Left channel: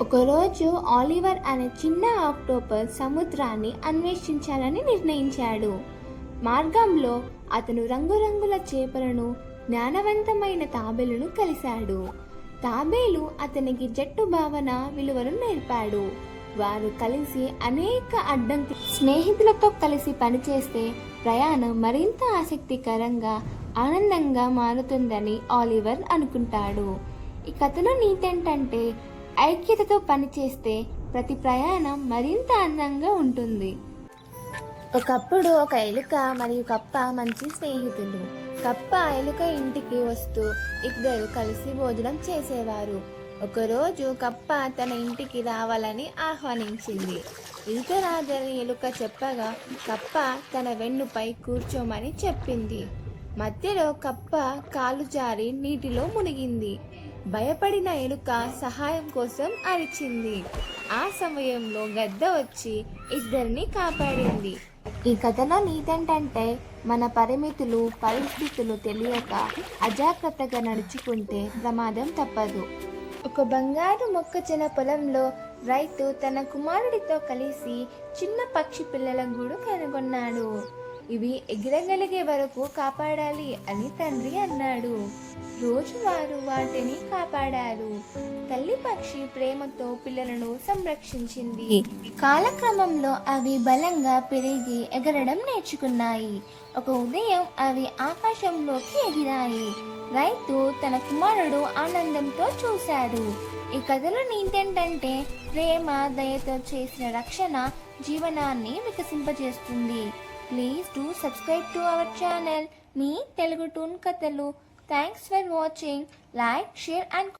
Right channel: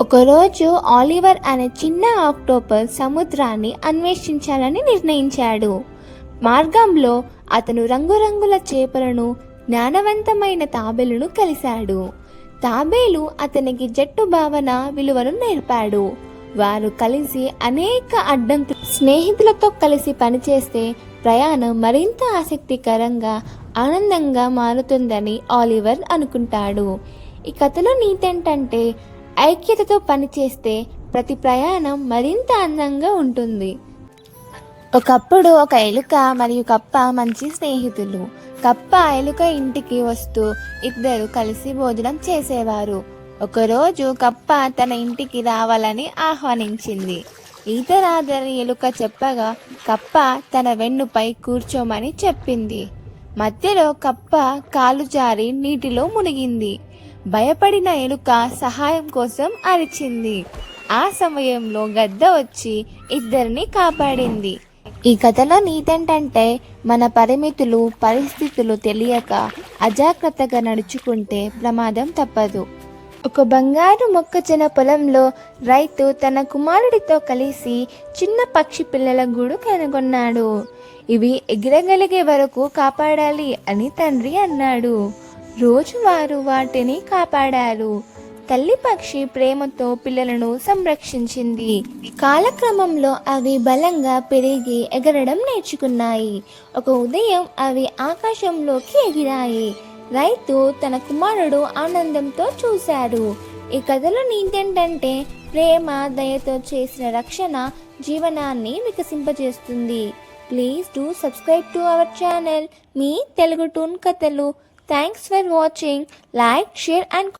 ఒకరోజు ఆలివర్ అనే చిన్న ఆక్టోపస్ సముద్రాన్ని అన్వేషించాలని నిర్ణయించాడు. మార్గంలో అతను రంగురంగుల చేపలను, జ్ఞానవంతమైన తాబేలును కలిశాడు. తాబేలు అతనికి జట్టు భావన విలువను నేర్పాడు. వారు కలిసి అనేక అడ్డంకులు స్నేహితులతో కలిసి పనిచేస్తే ప్రయాణం మరింత ఆసక్తికరంగా, ఆనందంగా మారుతుందని ఆలివర్ అనుకుంటాడు. ఈ కథలో నీతేంటంటే, ఐక్యతతో పనిచేస్తే ప్రతి ప్రయాణం మరింత అందంగా ఉంటుంది. ఒకప్పుడు ఒక ఎలుక మరియు కప్ప మంచి స్నేహితులు. కప్ప ఎలుక ఇంటికి వస్తూ ఇద్దరు కలిసి భోజనం చేసేవారు. ఒకరోజు కప్ప తన ఇంటికి రావాలని ఆహ్వానించింది. ఈత రాదని ఎలుక చెప్పగా కప్ప తన వెన్నుపై కూర్చోమని చెప్పింది. మధ్యలో కప్ప కాలు జారి నీటిలో మునిగింది. భయపడిన ఎలుక సహాయం కోసం అరిచింది. ఆ సమయంలో గద్ద వచ్చి ఇద్దరిని కాపాడింది. ఈ కథలో నీతేంటంటే, మన పరిమితులు, పరిస్థితులు తెలియక అజాగ్రత్తగా నడుచుకుంటే ప్రమాదం తప్పదు. ఒక బంగారు మొక్కజొన్న పొలంలో రైతు తన కుమారుడితో కలిసి చిన్న పక్షి పిల్లల గూడు కనుగొన్నాడు. ఇవి ఎగరగలిగే వరకు కాపాడాలి అని తండ్రి అన్నాడు. రోజు వారు వాటిని కాపాడారు. తల్లి పక్షి ప్రేమతో పిల్లలను సంరక్షించింది. కాలక్రమంలో అవి బలంగా పెరిగి ఎగరడం నేర్చుకున్నాయి. ఒక ఉదయం అవి ఆకాశంలోకి ఎగిరాయి. రైతు తన కుమారుడు ఆనందంతో చూశాడు. ఈ కథలో నీతేంటంటే, ప్రేమ, దయతో చేసిన రక్షణ జీవనాన్ని వికసింపజేస్తుంది. Please do subscribe to our channel, మీ తెలుగు టూన్ కథలు. Thanks for watching. Like, share and